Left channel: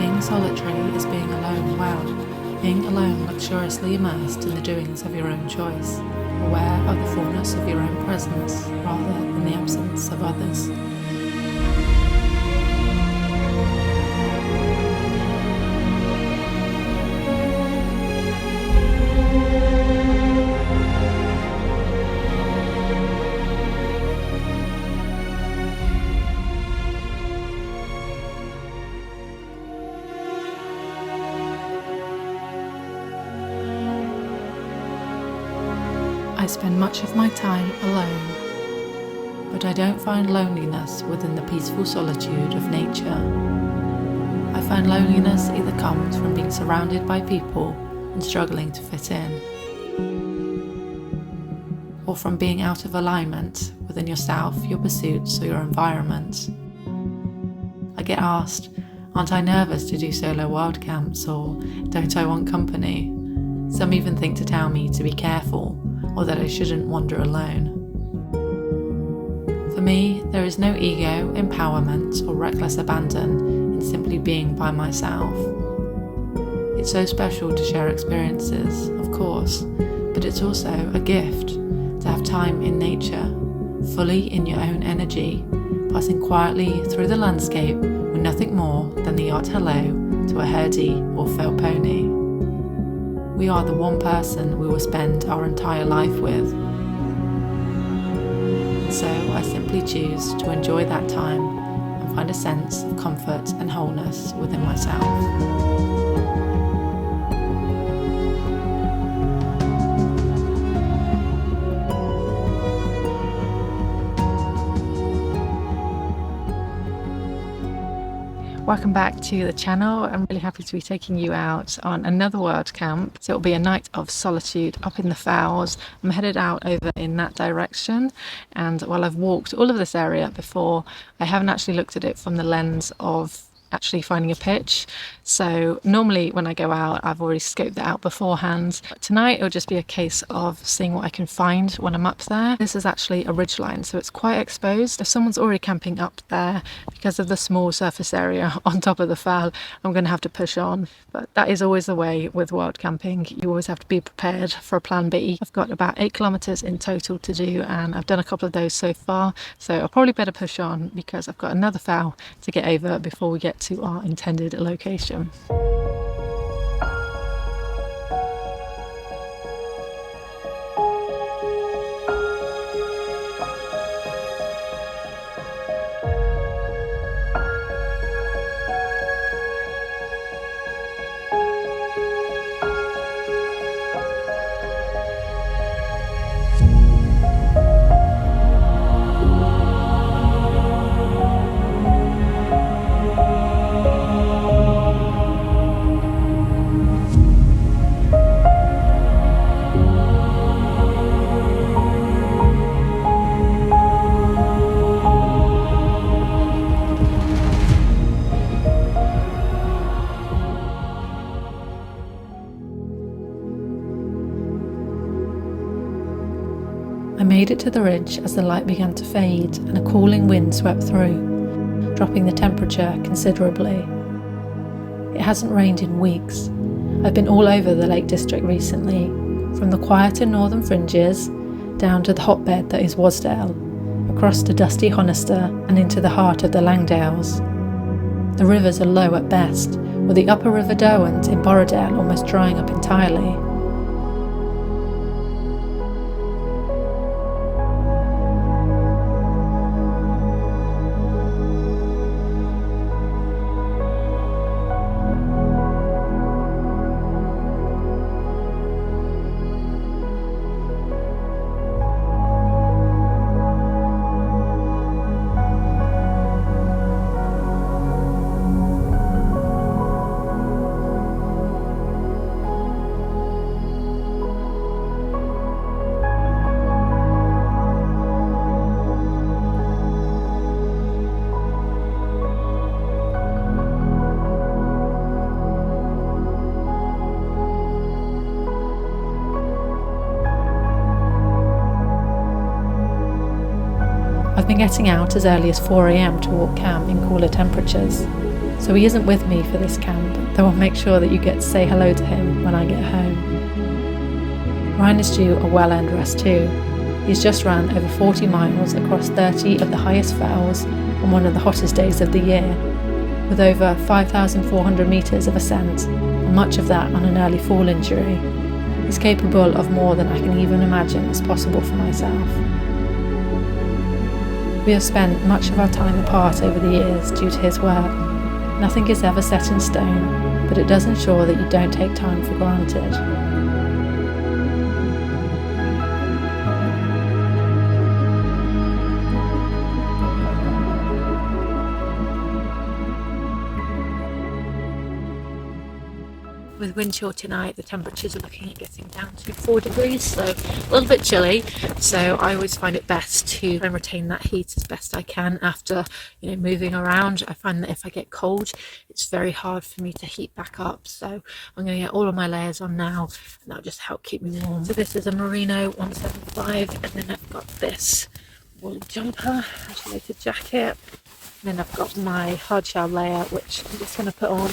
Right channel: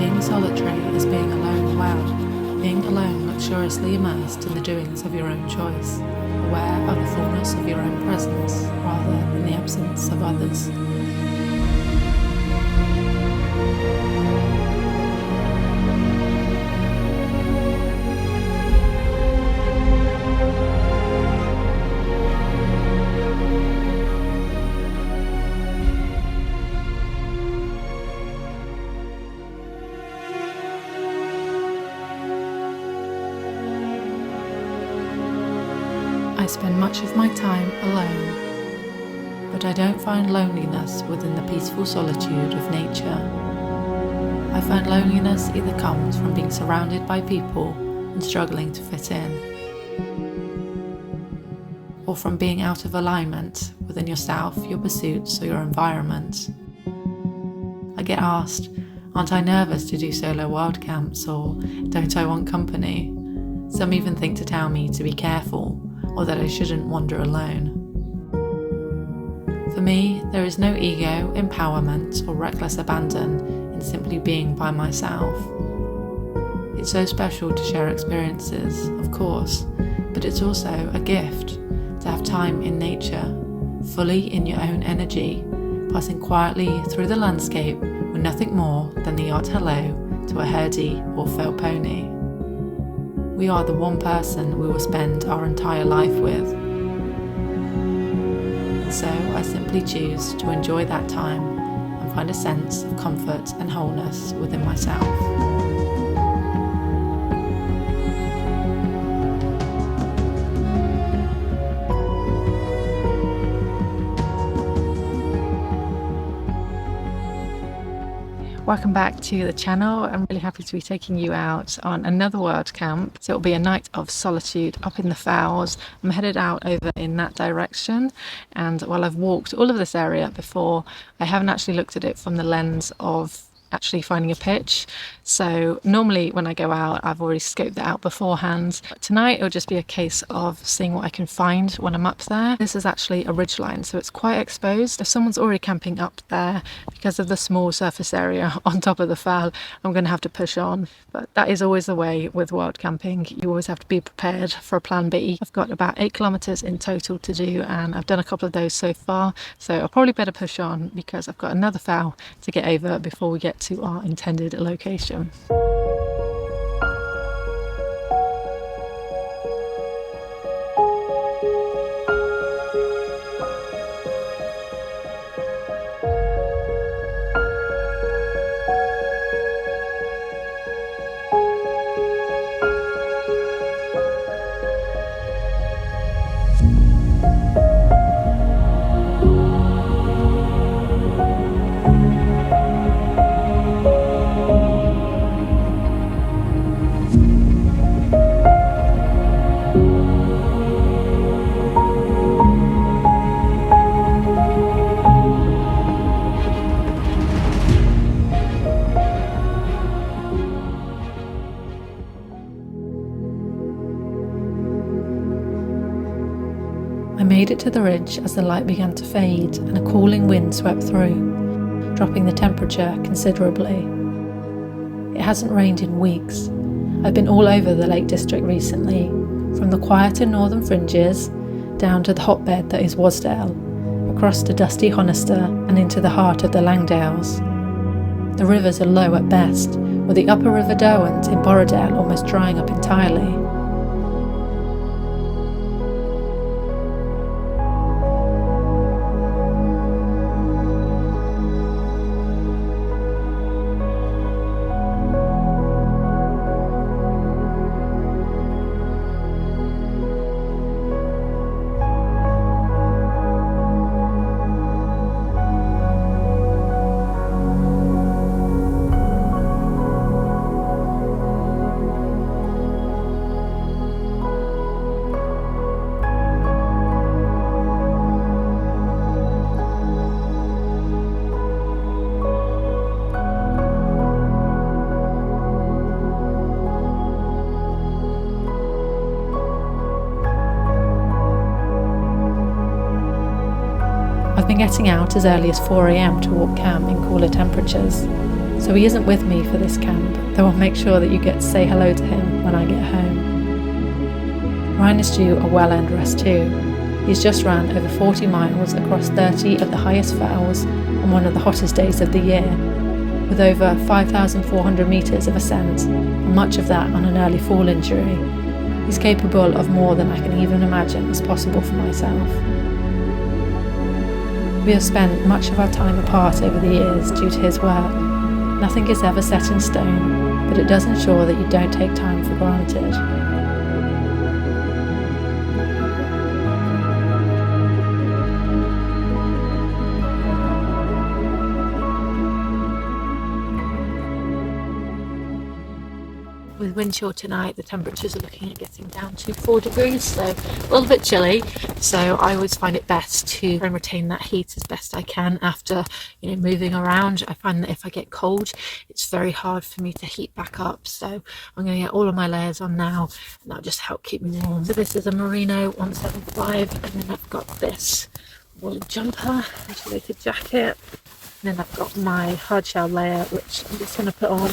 Being solitary is being alone well, being alone luxuriously immersed in the doings of your own choice, aware of the fullness of your own presence rather than the absence of others. I spend much of my time alone, but I don't find loneliness within the peaceful solitude of nature. I find loneliness either comes from being surrounded by people and struggling to fit in, or from being out of alignment within yourself, your pursuits, or your environment. I get asked, aren't I nervous to do solo wild camps, or don't I want company? Some even think to tell me to be careful, or that I shouldn't wander alone. For me, there is no ego, empowerment, or reckless abandon in simply being by myself. It's so special to share experiences, of course, but it's also a gift to have time in nature, fully in your own energy, passing quietly through the landscape with nothing more than the odd hello to a herdie or fell pony. We are the one person we will spend our entire life with. And so I simply choose to enjoy that time and find a sense of comfort and wholeness within myself. Welcome back to the channel. I'm really happy to be taking you out on another wild camp. So it'll be a night of solitude up in the Fowls. I'm headed out over in that direction, and while I've walked all of this area before, I haven't actually looked at it from the lens of actually finding a pitch. So normally when I go out, I've already scoped that out beforehand. But tonight it'll just be a case of seeing what I can find when I'm up there. This is actually a ridgeline, so it's quite exposed. If someone's already camping up there, because of the small surface area on top of the Fowl, I'm going to have to push on. But that is always the way with wild camping. You always have to be prepared for a plan B. I've got about 8 kilometers in total to do, and I've done a couple of those so far. So I'll probably better push on because I've got another Fowl to get over before we get to our intended location. I made it to the ridge as the light began to fade and a cooling wind swept through, dropping the temperature considerably. It hasn't rained in weeks. I've been all over the Lake District recently, from the quieter northern fringes down to the hotbed that is Wasdale, across to dusty Honister and into the heart of the Langdales. The rivers are low at best, with the upper River Derwent in Borrowdale almost drying up entirely. I've been getting out as early as 4 AM to walk camp in cooler temperatures. So he isn't with me for this camp, though I'll make sure that you get to say hello to him when I get home. Ryan is due a well-earned rest too. He's just ran over 40 miles across 30 of the highest fells on one of the hottest days of the year, with over 5,400 metres of ascent, and much of that on an early fall injury. He's capable of more than I can even imagine is possible for myself. We have spent much of our time apart over the years due to his work. Nothing is ever set in stone, but it does ensure that you don't take time for granted. With wind chill tonight, the temperatures are looking at getting down to 4 degrees, so a little bit chilly. So I always find it best to try and retain that heat as best I can after, moving around. I find that if I get cold, it's very hard for me to heat back up. So I'm going to get all of my layers on now, and that'll just help keep me warm. So this is a Merino 175, and then I've got this wool jumper, insulated jacket. And then I've got my hard shell layer, which I'm just going to put on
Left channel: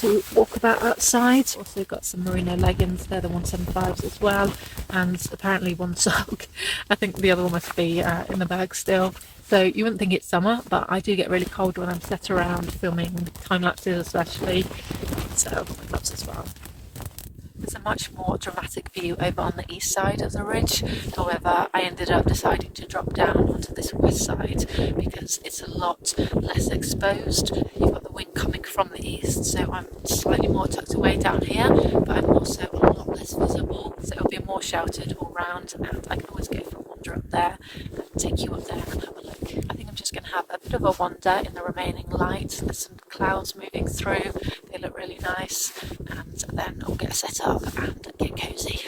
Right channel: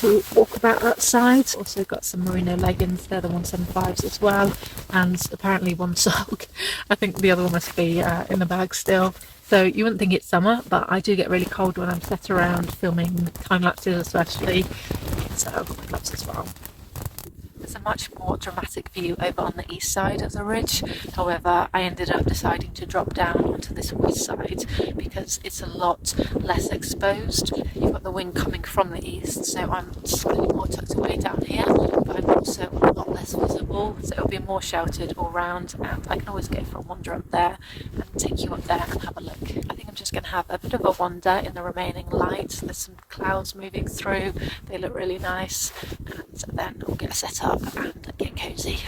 to walk about outside. Also got some merino leggings, they're the 175s as well, and apparently one sock. I think the other one must be in the bag still. So you wouldn't think it's summer, but I do get really cold when I'm set around filming time lapses especially. So I've got my gloves as well. There's a much more dramatic view over on the east side of the ridge. However, I ended up deciding to drop down onto this west side because it's a lot less exposed. You've got the wind coming from the east, so I'm slightly more tucked away down here, but I'm also a lot less visible, so it'll be more sheltered all round, and I can always go for a wander up there and take you up there and have a look. I think I'm just going to have a bit of a wander in the remaining light. There's some clouds moving through, they look really nice, and then we'll get set up and get cozy.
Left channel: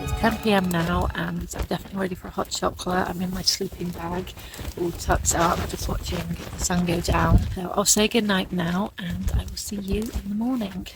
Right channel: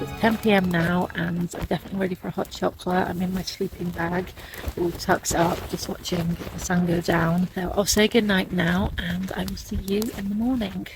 It's 10 PM now, and I'm definitely ready for a hot chocolate. I'm in my sleeping bag, all tucked up, just watching the sun go down. So I'll say good night now, and I will see you in the morning.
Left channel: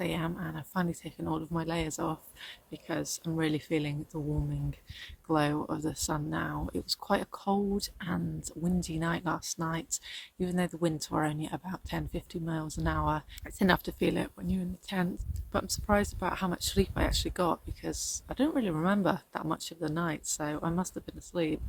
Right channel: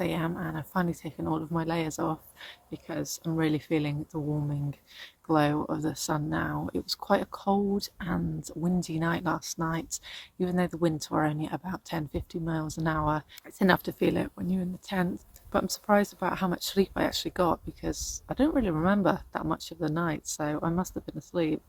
6 a.m. and I've finally taken all of my layers off because I'm really feeling the warming glow of the sun now. It was quite a cold and windy night last night, even though the winds were only about 10-15 miles an hour. It's enough to feel it when you're in the tent, but I'm surprised about how much sleep I actually got because I don't really remember that much of the night, so I must have been asleep.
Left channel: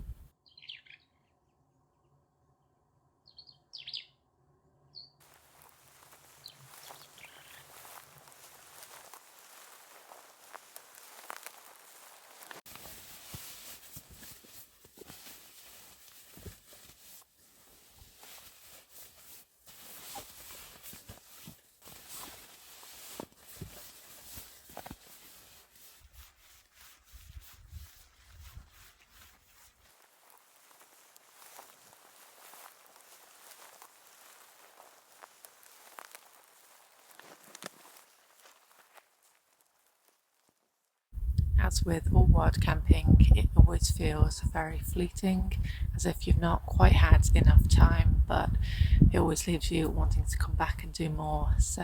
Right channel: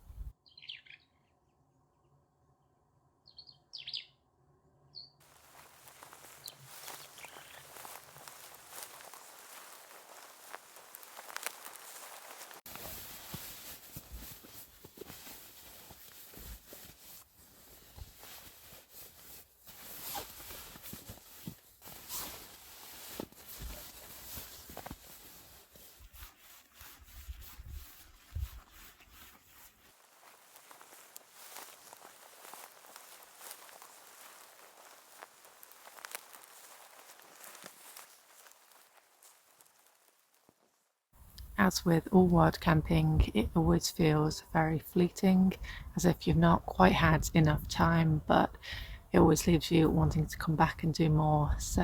As with all wild camping, it always feels very fleeting, as if you've not quite had enough time, but it always leaves you wanting to come back and do more. So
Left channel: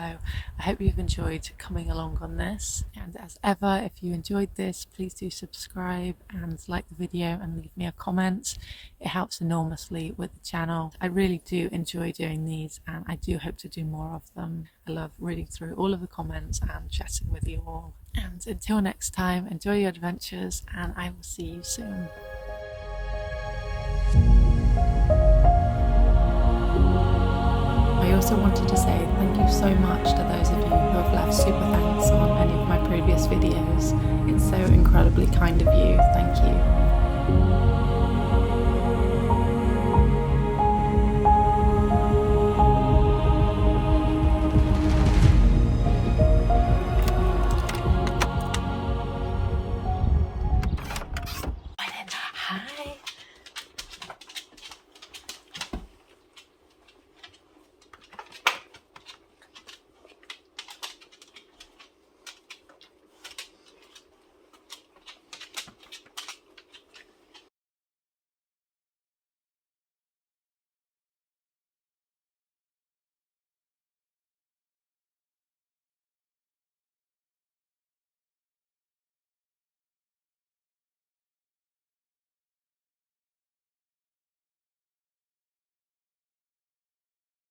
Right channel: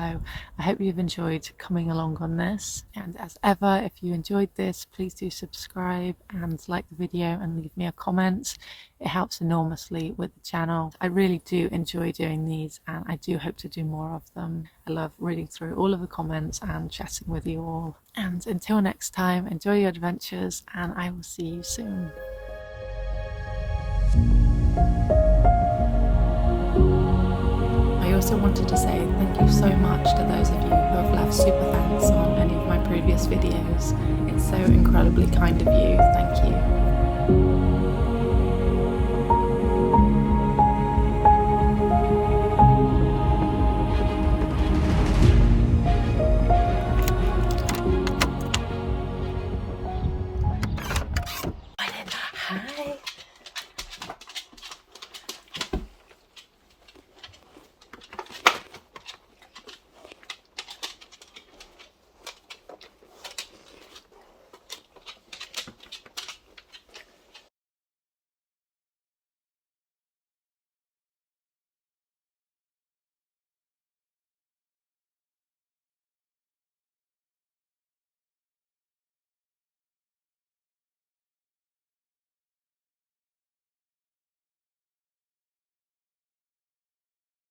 I hope you've enjoyed coming along on this, and as ever, if you enjoyed this, please do subscribe and like the video and leave me a comment. It helps enormously with the channel. I really do enjoy doing these, and I do hope to do more of them. I love reading through all of the comments and chatting with you all. And until next time, enjoy your adventures, and I will see you soon. I also wanted to say thank you so much to those of you who have left super thanks on any of my previous videos. It's so incredibly kind of you. Thank you.